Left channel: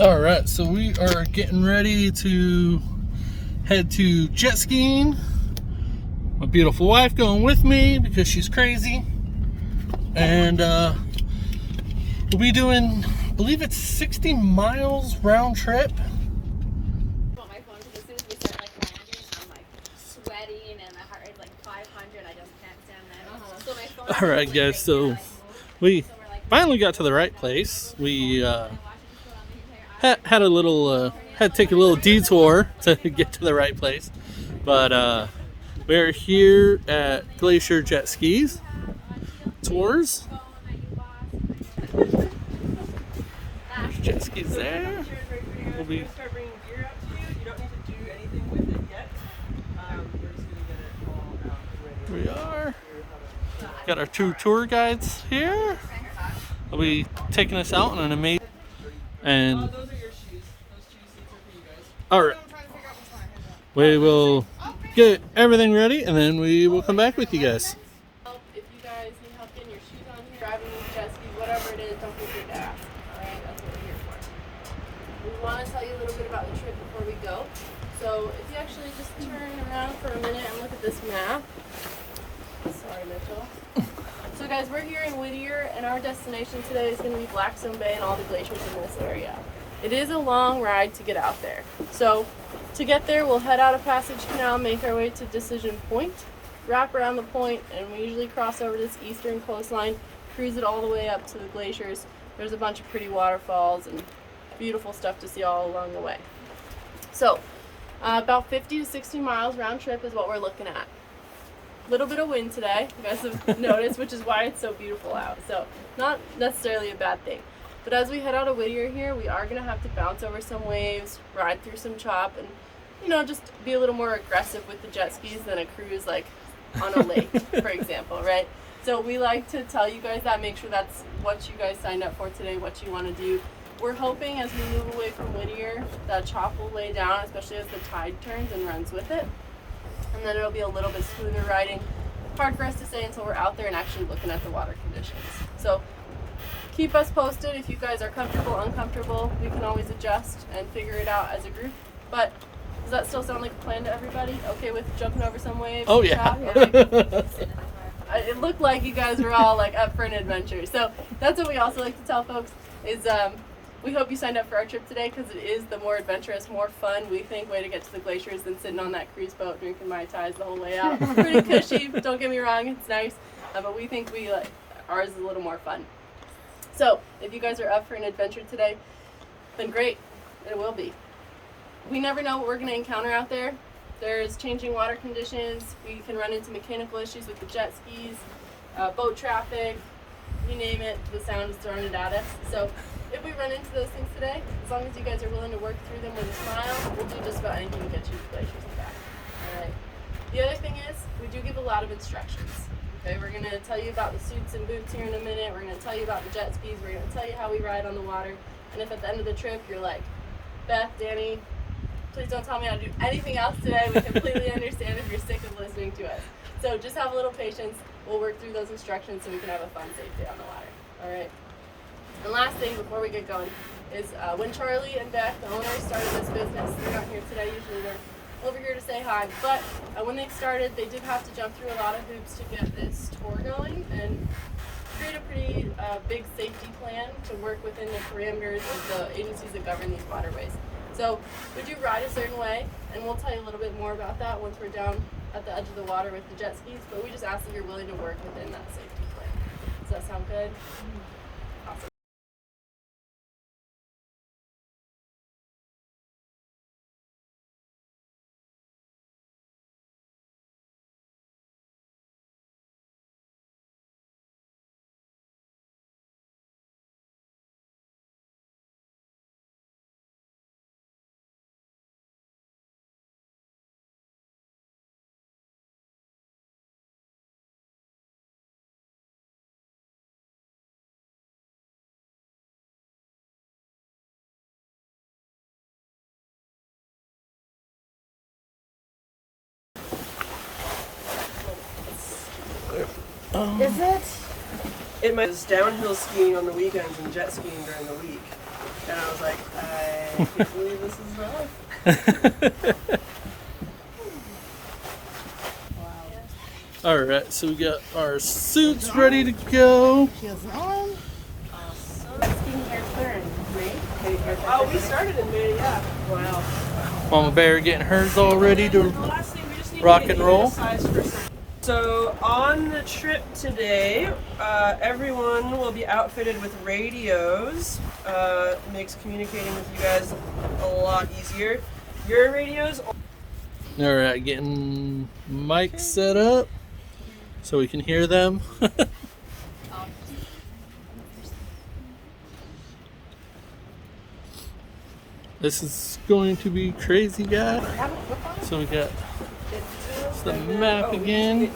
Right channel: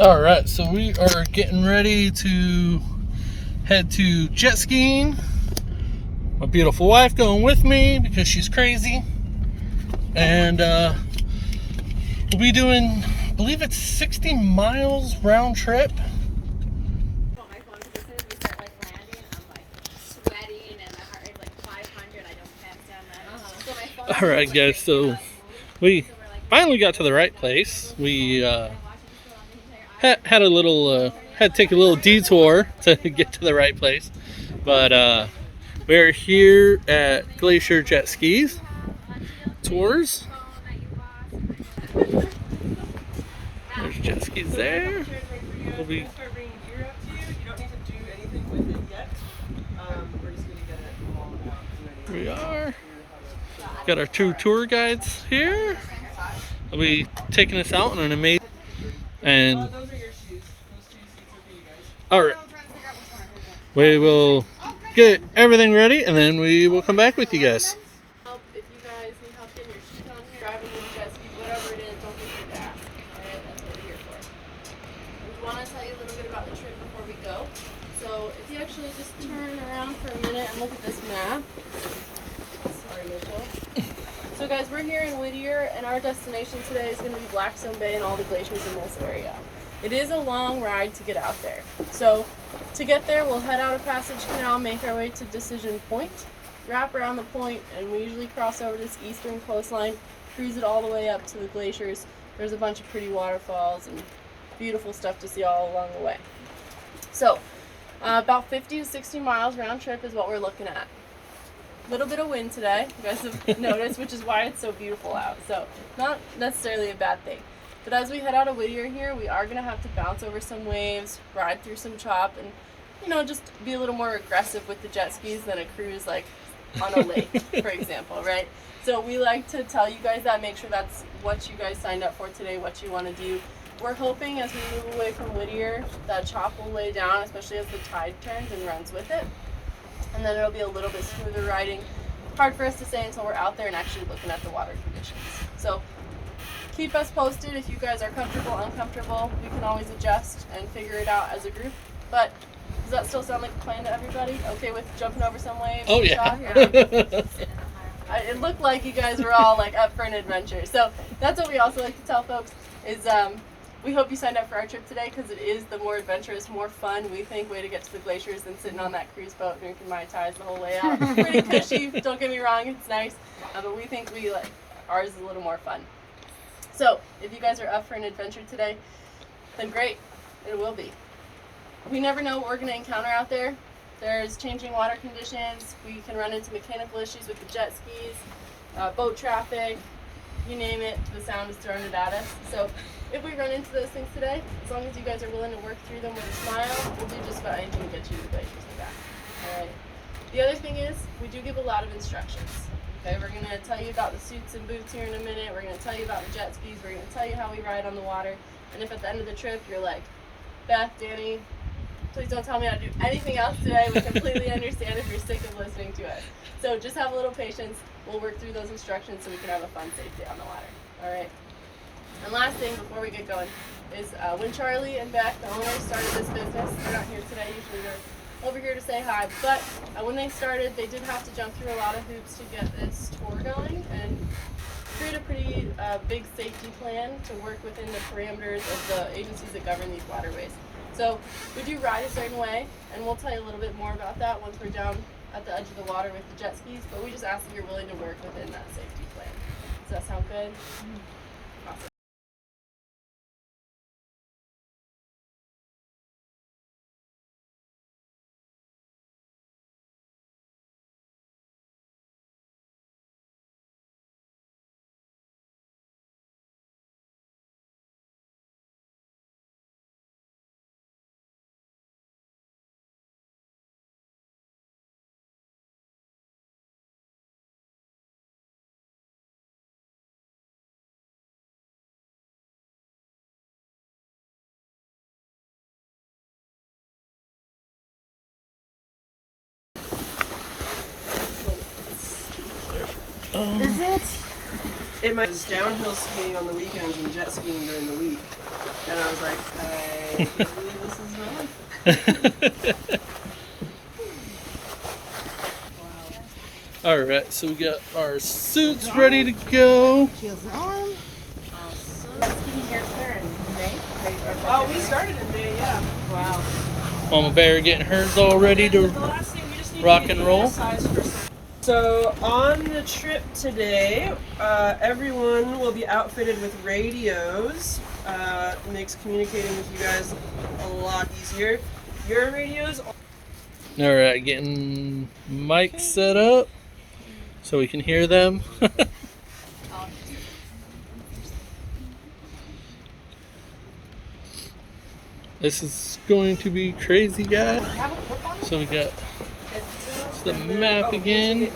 All right, so we are getting ready to head to jet skiing. My beautiful wife going with me because she's crazy. And we'll be doing, I believe it's 60 miles round trip. My phone because as soon as we start landing, I'm sweating and my heart rate's 500. I just can't stand that. So my phone. All right, guys, so we finally got to the right place. We had a little, had to take a little detour to get to the right place. But we're here at Glacier Jetskis Tours. There's jet skis there. We'll be. Start bringing gear out to you. You don't need to do anything with it yet. We're just gonna get it all out and ready. Here we are. Got our two tour guides here. They'll be taking us out on an amazing. And Those are your shoes. Those 2 seats are for you guys. all right, we will get everything ready, and then we will come back with you guys. If you guys need help getting your shoes on here, driving these jet skis, whatever it is, don't be afraid to ask. Alright, that's what we're here for. We want to tell you a little bit about the trip before we go. So if you actually just turn around for a minute and look at this map. Sorry, Mitchell. So guys, we're here in Whittier, and our destination today is going to be Blackstone Bay and all the glaciers in this area. It is a long ride to get out there. So to get there, we'll head out of Passage Canal, make our way to Decision Point, wrap around the point, and we usually cross over this eastern coastline, cruise it all the way up to the glaciers. There's a bunch of pretty waterfalls and beautiful stuff to see all along the way. So about 50 to 60 miles round trip is what we're looking at. A little bit of wind today, you guys have noticed, which is why it's so beautiful out. So not necessarily a bad thing. But as we head out of Whittier here, we are going to have to bounce over some waves, ride through some chop, and just be a little more aggressive with the jet skis than a cruise like on a lake, for example, right? So we like to tell you guys that, make sure that's what you guys signed up for today, what you want to do. We're hoping as we move away from Whittier, that chop will lay down, especially as the tide turns and runs with it. And then it'll be a little bit smoother riding. Hard for us to say until we're out there and actually looking at the water conditions. So keep us posted if you guys are comfortable, uncomfortable. We can always adjust and figure it out as a group. But does that still sound like a plan to everybody? Okay with jumping over some waves? Oh yeah. It looked like you guys were all up for an adventure. So that's what we also like to tell folks is we hope you signed up for our trip today because it is the more adventurous, more fun, we think, way to get to the glaciers than sitting on that cruise boat drinking Mai Tais the whole way out. It's pretty cushy, don't get me wrong, it's nice, but we think ours is a little more fun. So if you guys are up for an adventure today, then great, it will be. We never know what we're going to encounter out there. There's changing water conditions, we can run into mechanical issues with the jet skis, boat traffic, you name it, the sound is throwing it at us. So if we run into those things today, as long as you guys are willing to work through them with a smile, we'll do just about anything to get you to the glaciers and back. Alright. The other thing is, we do give a lot of instructions. Okay, we're going to tell you about the suits and boots here in a minute, we're going to tell you about the jet skis, we're going to tell you how we ride on the water, and if at the end of the trip you're like, Beth, Danny, please don't tell me how to do anything else today, we completely understand if you're sick of listening to us. So just have a little patience, we'll work through those instructions so we can have a fun, safe day on the water. Alright. And last thing before we get going is when Charlie and Beck, the owners, started this business, they're not here today, usually they're over here to say hi, but when they started, they did have to jump through a lot of hoops to get this tour going and create a pretty big safety plan to work within the parameters of the agencies that govern these waterways. So we do ride a certain way, and we'll tell you a little bit more about that once we're down at the edge of the water with the jet skis, but we just ask that you're willing to work within that safety plan. Does that sound good? Awesome. Is it? It might was downhill skiing on the weekends and jet skiing during the week. And I was like, I can't believe this is my life. All right, so we got our suits ready to go. Oh, we started in May, yeah. Wow. Mama Bear getting hers all ready to rock and roll. So on the trip today, everyone will be outfitted with radios. Makes communicating with you guys a lot easier. Your radios. All right, getting mics set up so we can hear them. This is going to be crazy, guys. So we got the map again,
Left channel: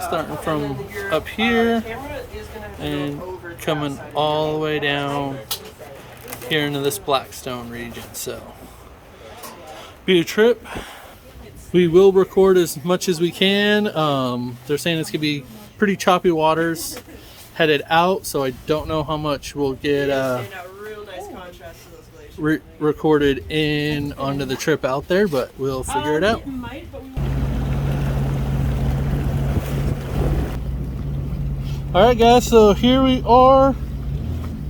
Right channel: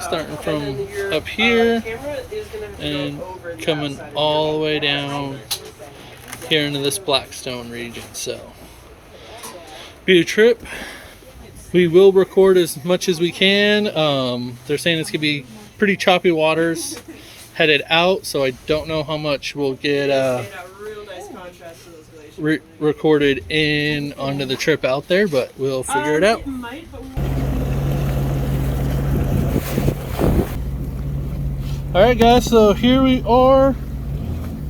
starting from up here and coming all the way down here into this Blackstone region. So be a trip. We will record as much as we can. They're saying it's gonna be pretty choppy waters headed out, so I don't know how much we'll get recorded in onto the trip out there, but we'll figure it out. Alright guys, so here we are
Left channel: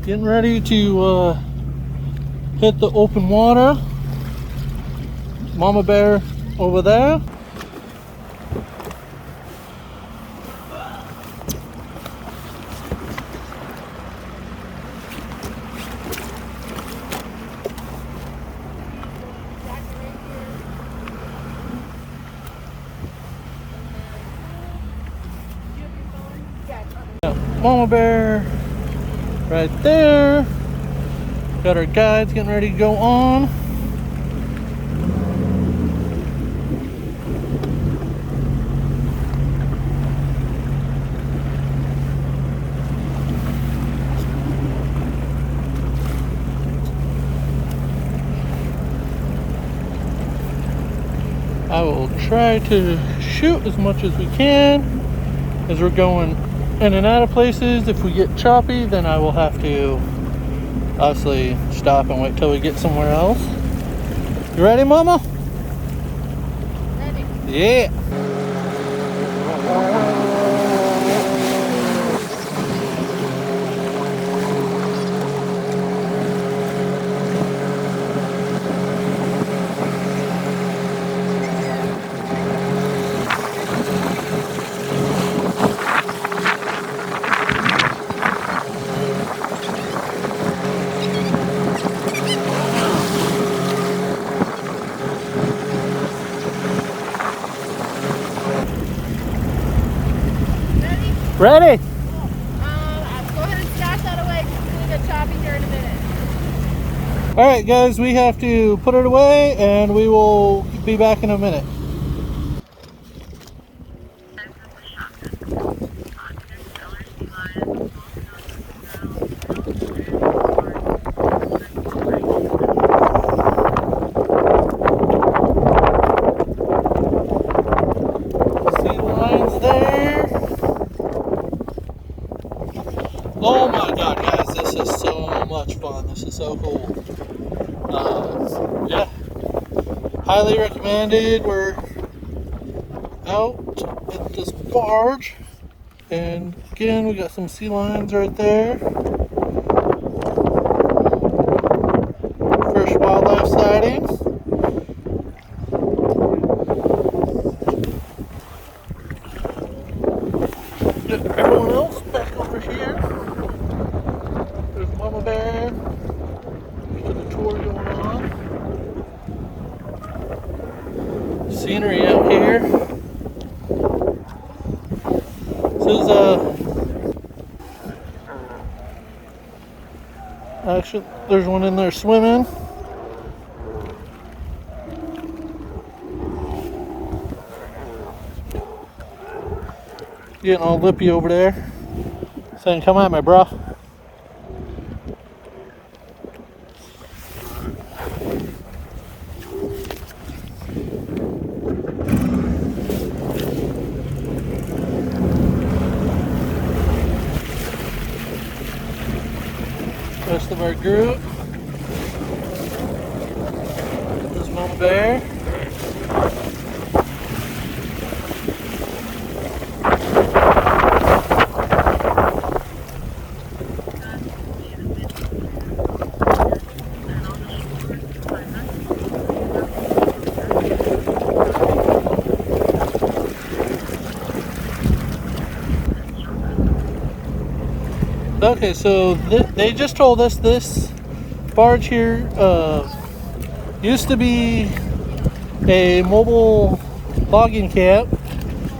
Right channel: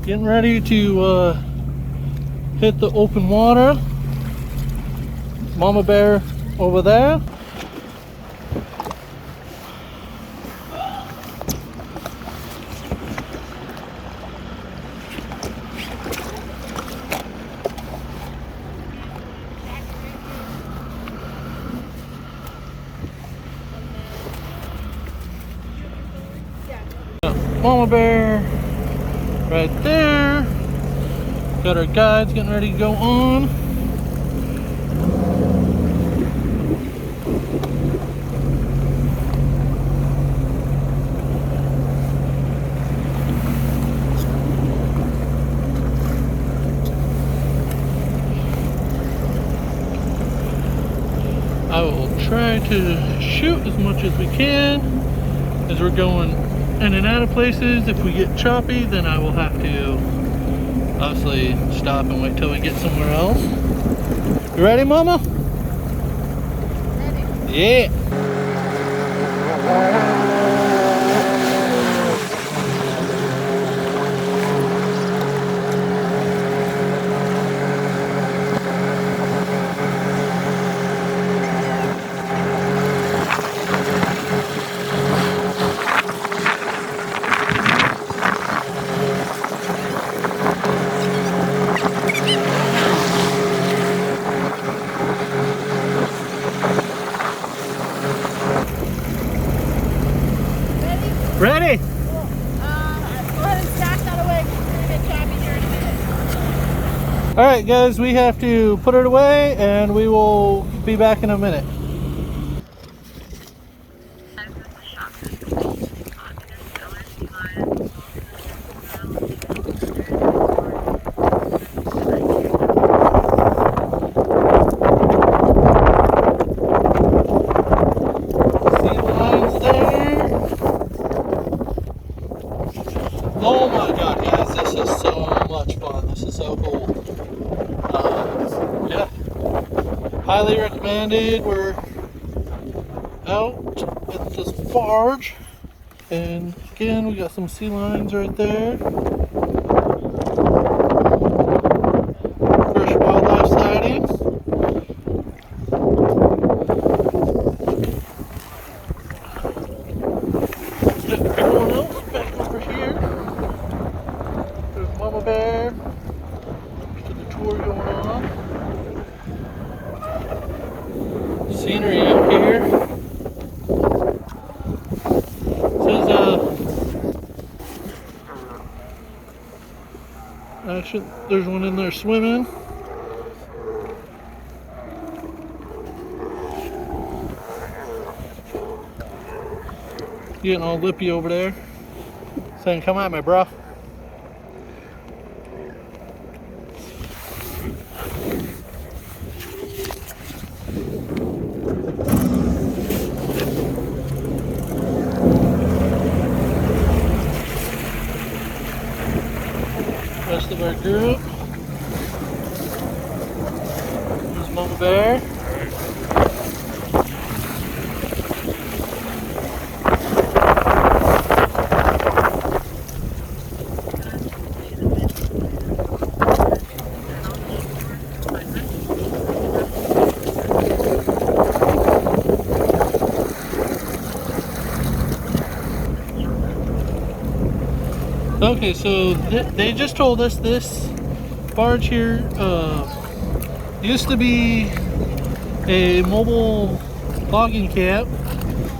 getting ready to hit the open water. Mama Bear over there. Mama Bear right there. Got our guides getting ready to go on. I will try to shoot as much as we can as we're going in and out of places. If we get choppy, then I will have to obviously stop and wait till we get somewhere else. You ready, Mama? Ready. Yeah. Ready? Cool. Go ahead and stack that away because we're going to get choppy here in a minute. Alright guys, we have to put it away and we will be back in a minute. Oh my god, guys, this is so much fun. This is so cool. Yeah, highly recommended. We're out at this barge, and again, we got some sea lions right there. First wildlife sightings. Get everyone else back over here. There's Mama Bear. There's the tour going on. Scenery out here. This is actually, there's one in there swimming. Getting all lippy over there. Saying, come at me, bro. Rest of our group. There's Mama Bear. Okay, so they just told us this barge here used to be a mobile logging camp,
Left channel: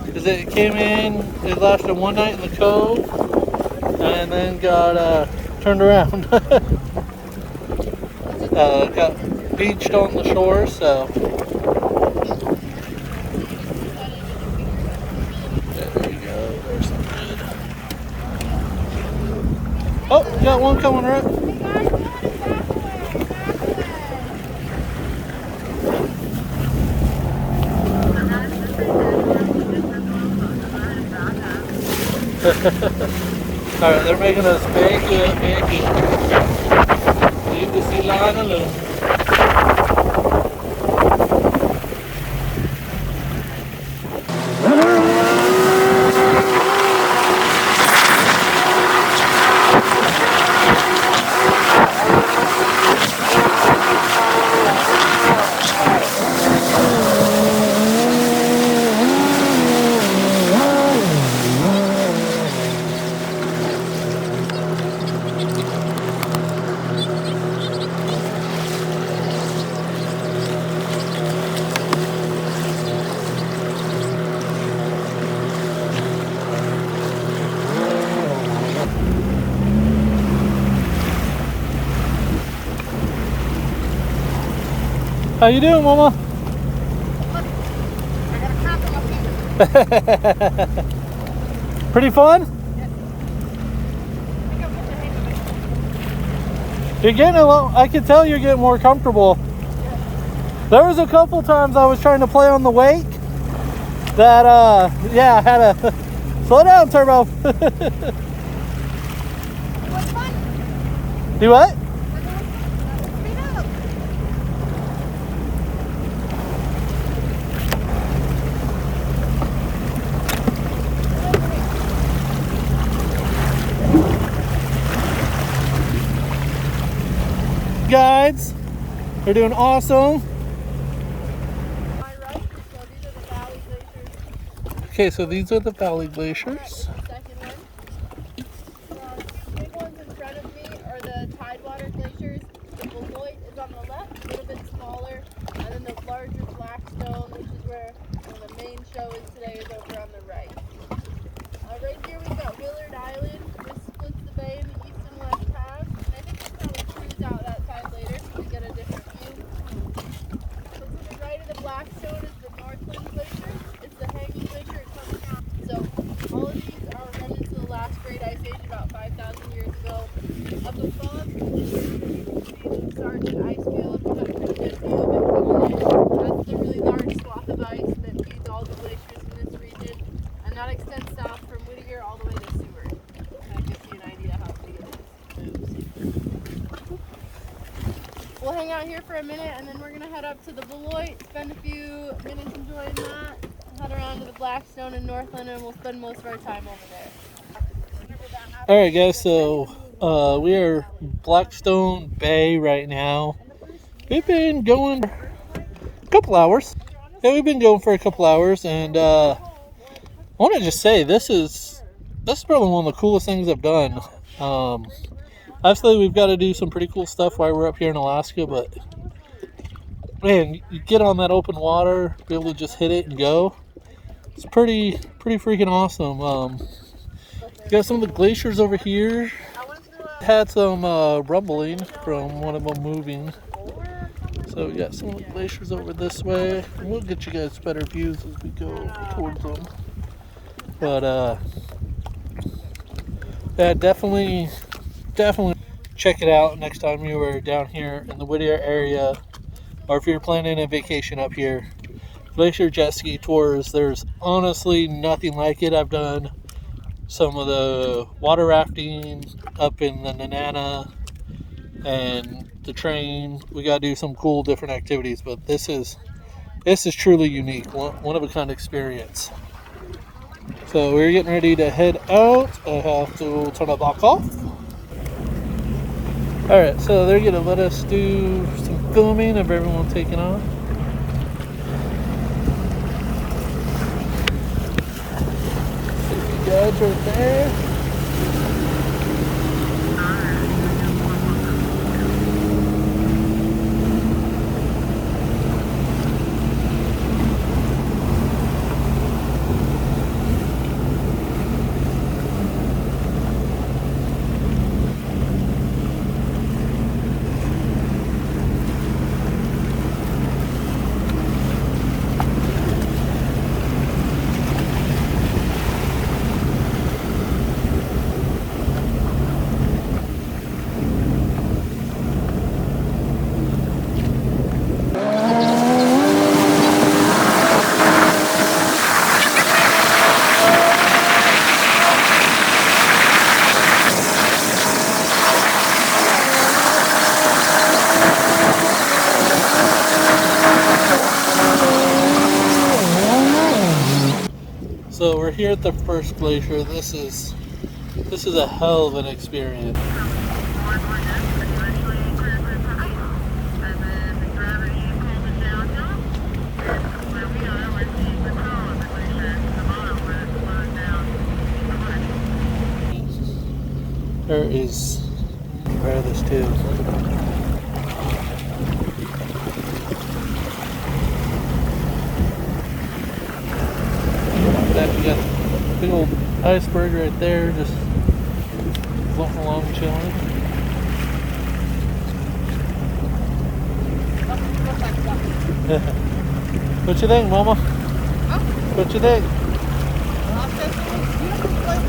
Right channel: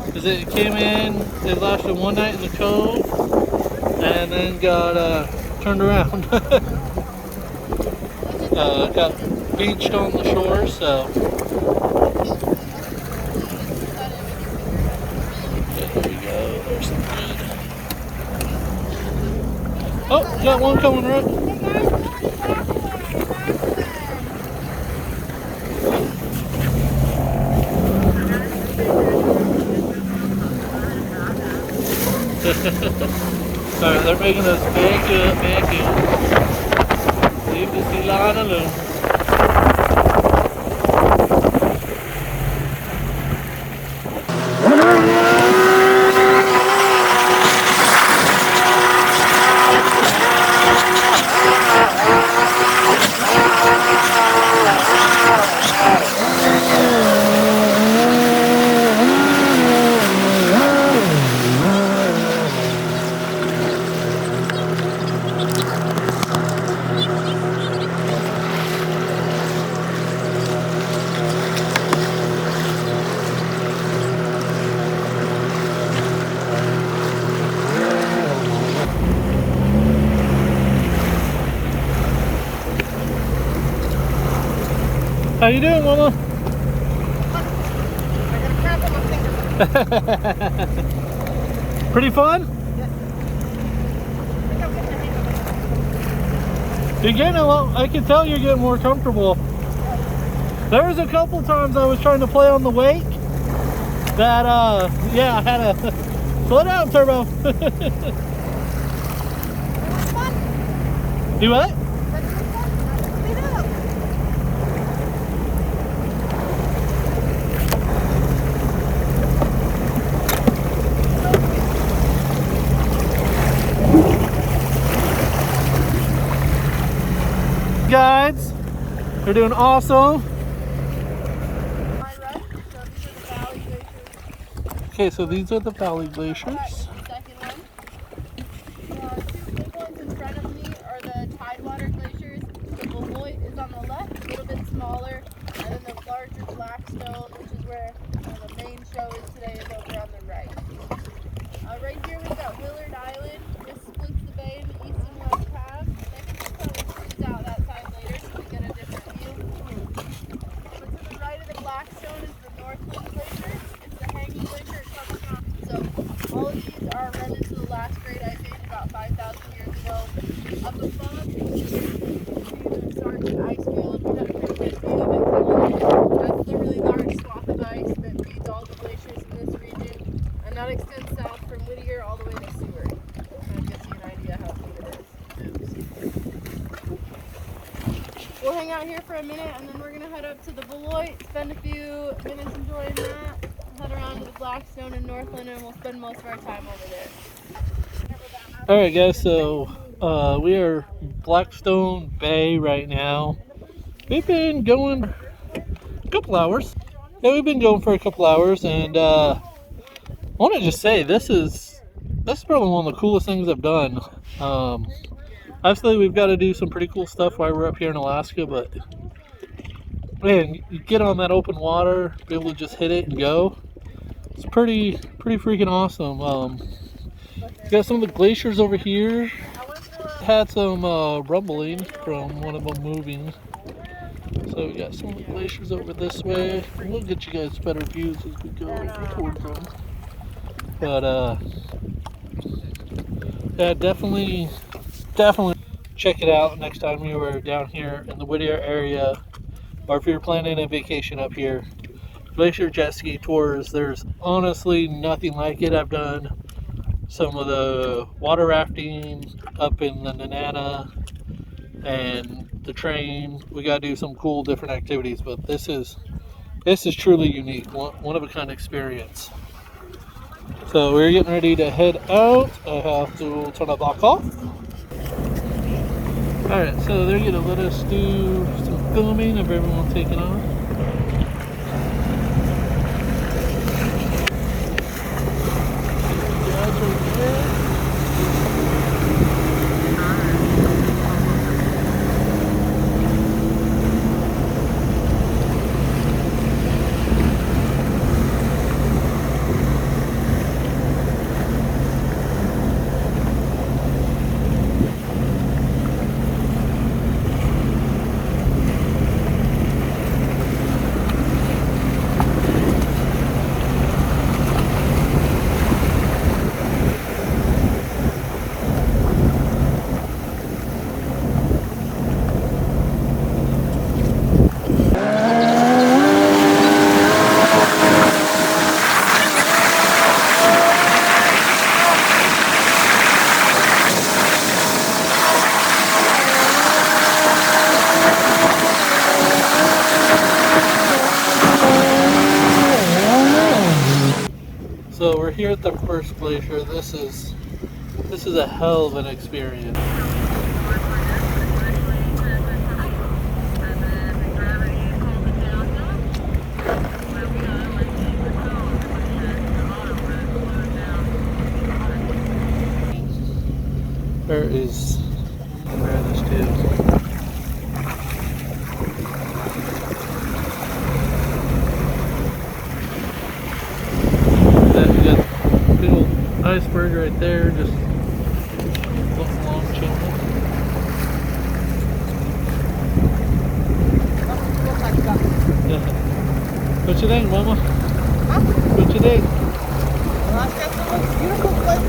because it came in, it lasted one night in the cove, and then got turned around. Got beached on the shore, so. Okay, there you go, there's some good. Oh, we got one coming right. Hey guys, go ahead and back away. Alright, they're making us back up. Leave the sea lion alone. How you doing, Mama? I got a cramp on my finger. Pretty fun? Yes. I think I'm getting the hang of it. You're getting a lot. I can tell you're getting more comfortable. There was a couple times I was trying to play on the wake that, yeah, I had to slow down, Turbo. It was fun. Do what? But it was fun. Not to speed up. Guides, they're doing awesome. My right, so these are the valley glaciers. Okay, so these are the valley glaciers. The second one. Two big ones in front of me are the Tidewater glaciers. The Beloit is on the left, a little bit smaller, and then the larger Blackstone, which is where the main show is today, is over on the right. Right here we've got Willard Island. This splits the bay into east and west halves, and I think we'll probably cruise out that side later so we get a different view. So to the right of the Blackstone is the Northland Glacier. It's the hanging glacier. It's on the so all of these are remnants of the last great ice age about 5,000 years ago. Up above, you can see the Sergeant ice field. We have a pretty good view of it coming in. That's the really large swath of ice that feeds all the glaciers in this region. And that extends south from Whittier all the way to Seward. Kind of gives you an idea how big it is. We'll hang out here for a minute and then we're going to head up to the Beloit, spend a few minutes enjoying that, head around to the Blackstone in Northland, and we'll spend most of our time over there. Alright guys, so we are Blackstone Bay right now. We've been going a couple hours. Yeah, we've been going for a couple hours, and I want to just say this is probably one of the coolest things I've done. Obviously we've got to do some pretty cool stuff while we're up here in Alaska, but man, you get on that open water, be able to just hit it and go. It's pretty freaking awesome. Got some of the glaciers over here. Had some rumbling from one of them moving. So we got some of the glaciers over this way. And we'll get you guys better views as we go towards them. But yeah, definitely check it out next time you are down here in the Whittier area, or if you're planning a vacation up here. Glacier Jetski tours, there's honestly nothing like it. I've done some of the water rafting up in the Nanana, and the train. We got to do some cool different activities, but this is truly unique, one of a kind experience. So we're getting ready to head out. I have to turn the block off. All right, so they're gonna let us do some filming of everyone taking off. Guys right there. So we're here at the first glacier. This is a hell of an experience. There this too. You got a big old iceberg right there, just floating along, chilling. What you think, Mama? Huh? What you think? Well, I guess it looks beautiful place.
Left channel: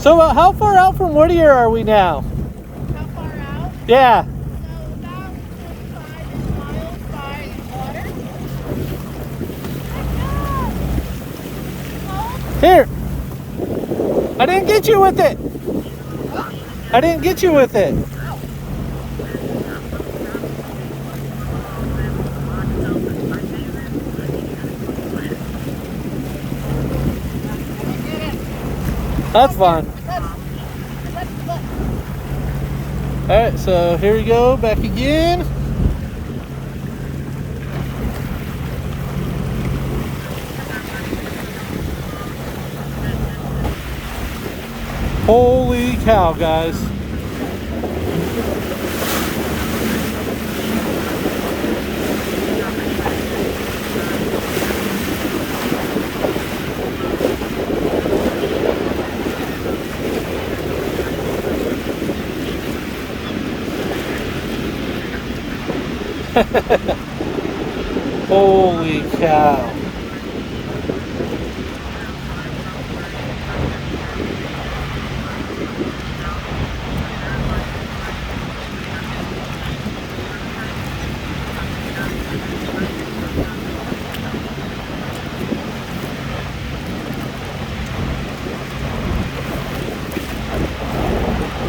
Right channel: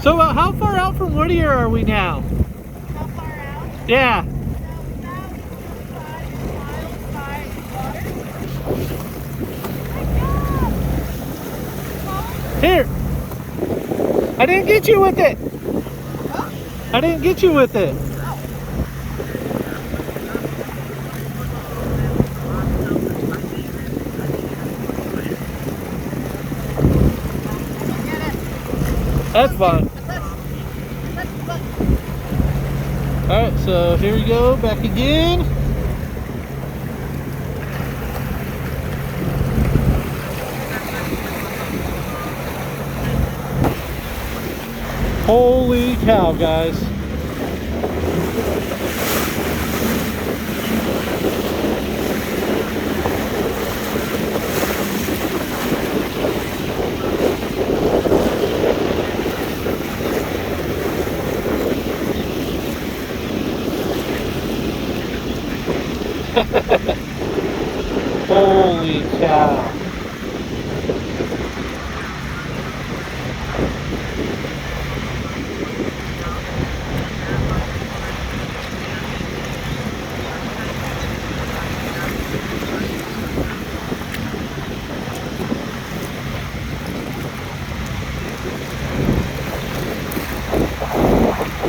So how far out from Whittier are we now? How far out? Yeah. So about 25 miles by water. Oh my God! Here. I didn't get you with it. Oh. I didn't get you with it. Oh. That's fine. Alright, so here we go, back again. Holy cow, guys. Holy cow.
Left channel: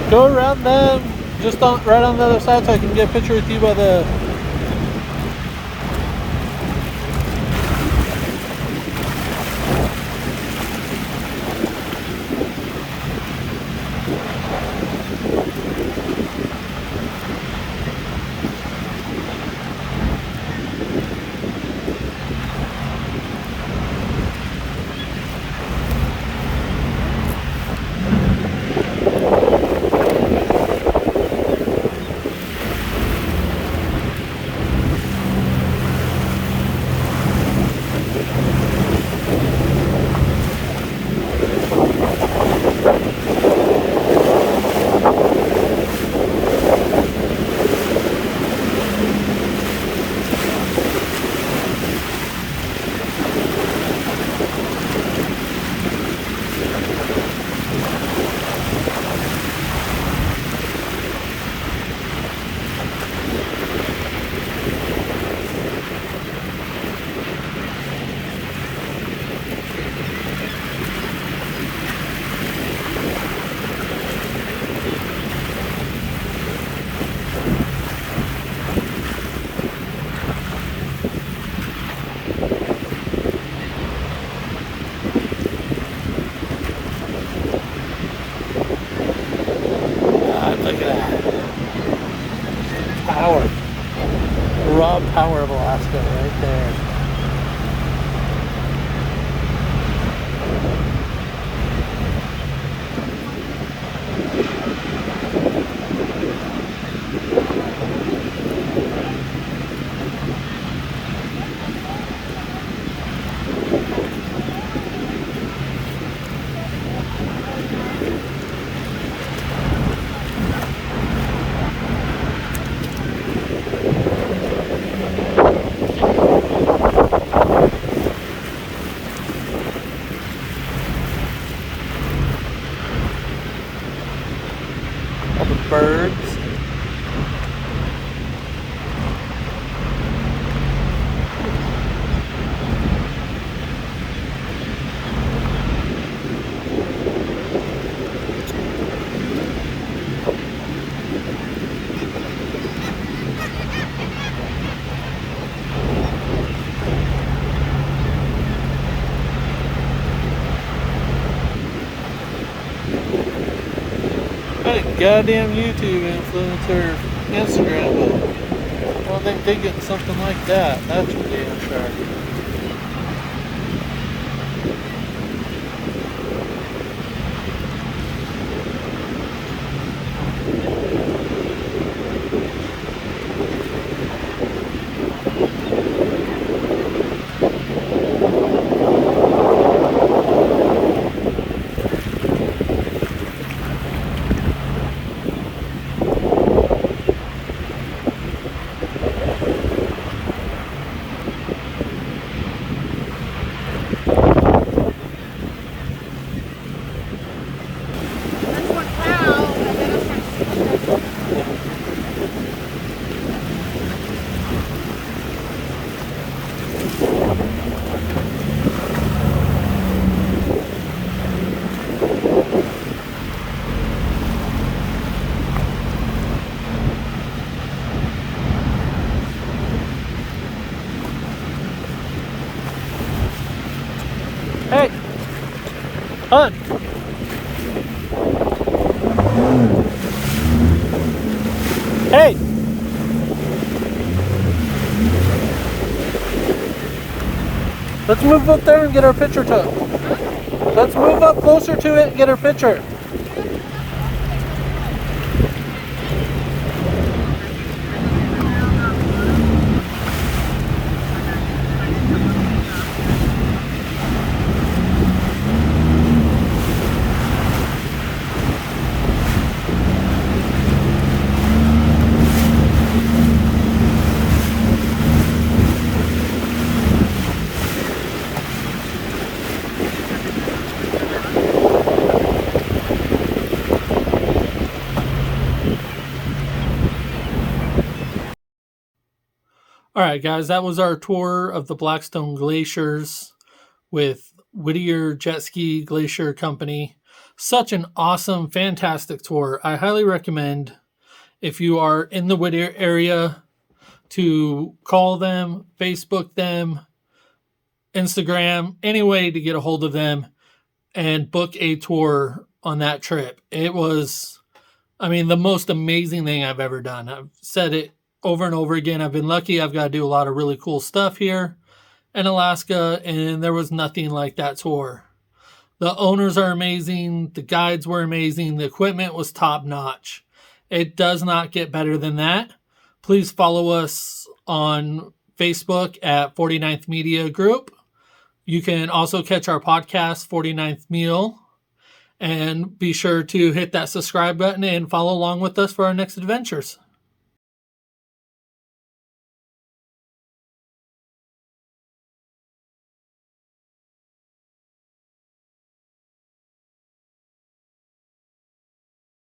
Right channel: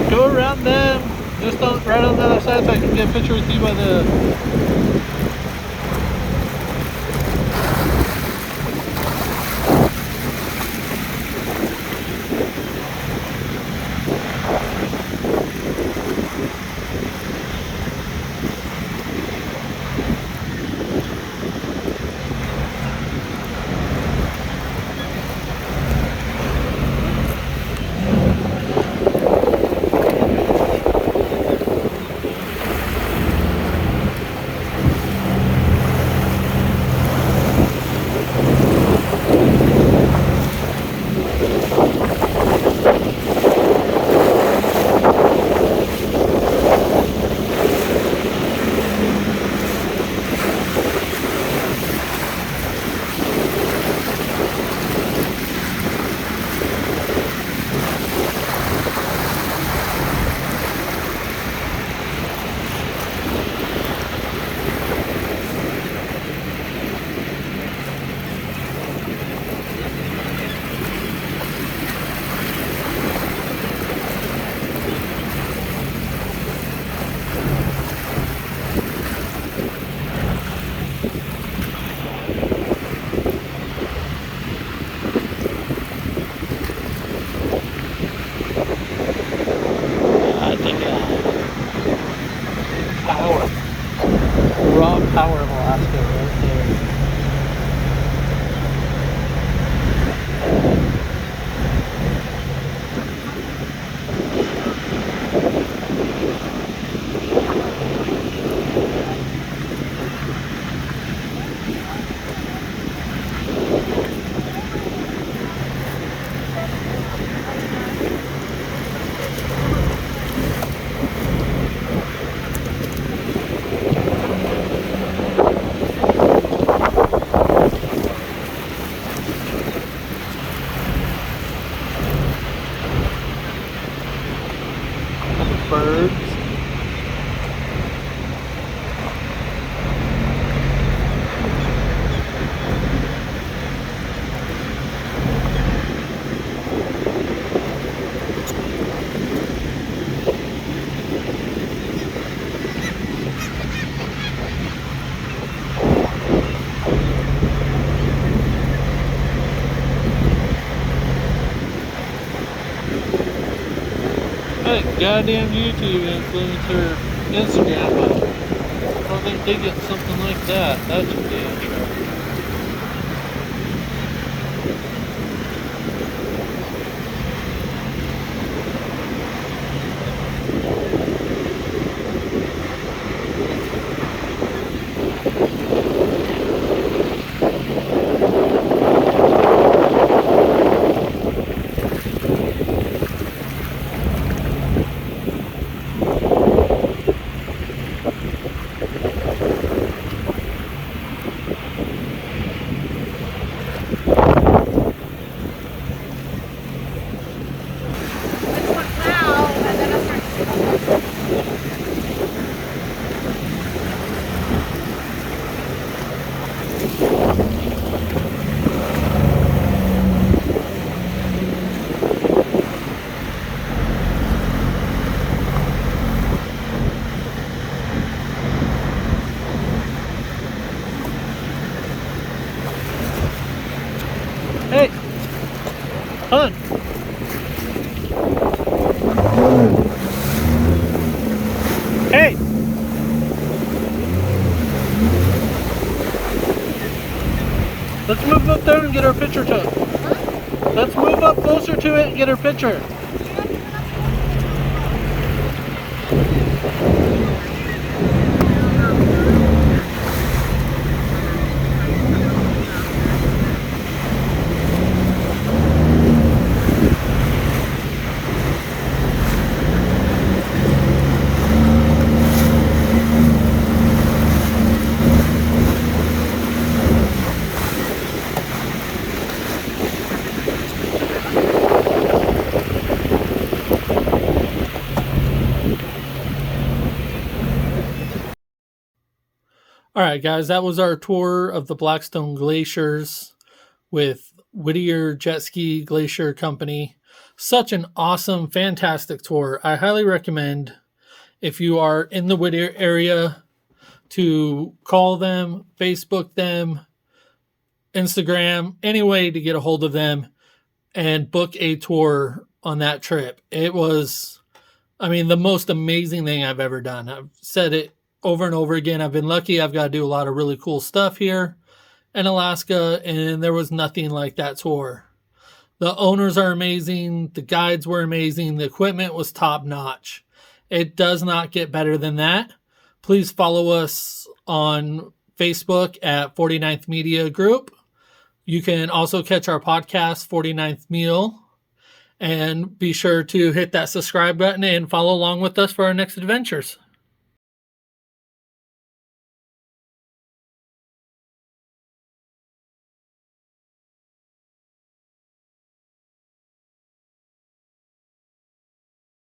Go around them, just right on the other side so I can get a picture with you by the... raw power of Alaska right there. All the birds. What a goddamn YouTube influencer Instagram, but I don't think they get something like that. That's for damn sure. Hey, hon. Hey. Let's move up there and get our picture took. Let's move up closer to it and get our picture. All right, guys, that was our tour of the Blackstone Glaciers with Whittier Jetski Glacier Company. Such an awesome, fantastic tour. I highly recommend, if you are in the Whittier area, to call them, Facebook them, Instagram, any way to get a hold of them and book a tour on that trip. It was, the most amazing thing I've ever done. I've said it over and over again. I've been lucky. I've got to do a lot of really cool stuff here in Alaska, and there was nothing like that tour. The owners are amazing. The guides were amazing. The equipment was top notch. It does not get better than that. Please follow us on Facebook at 49th Media Group. You can also catch our podcast, 49th Meal, and be sure to hit that subscribe button and follow along with us for our next adventures.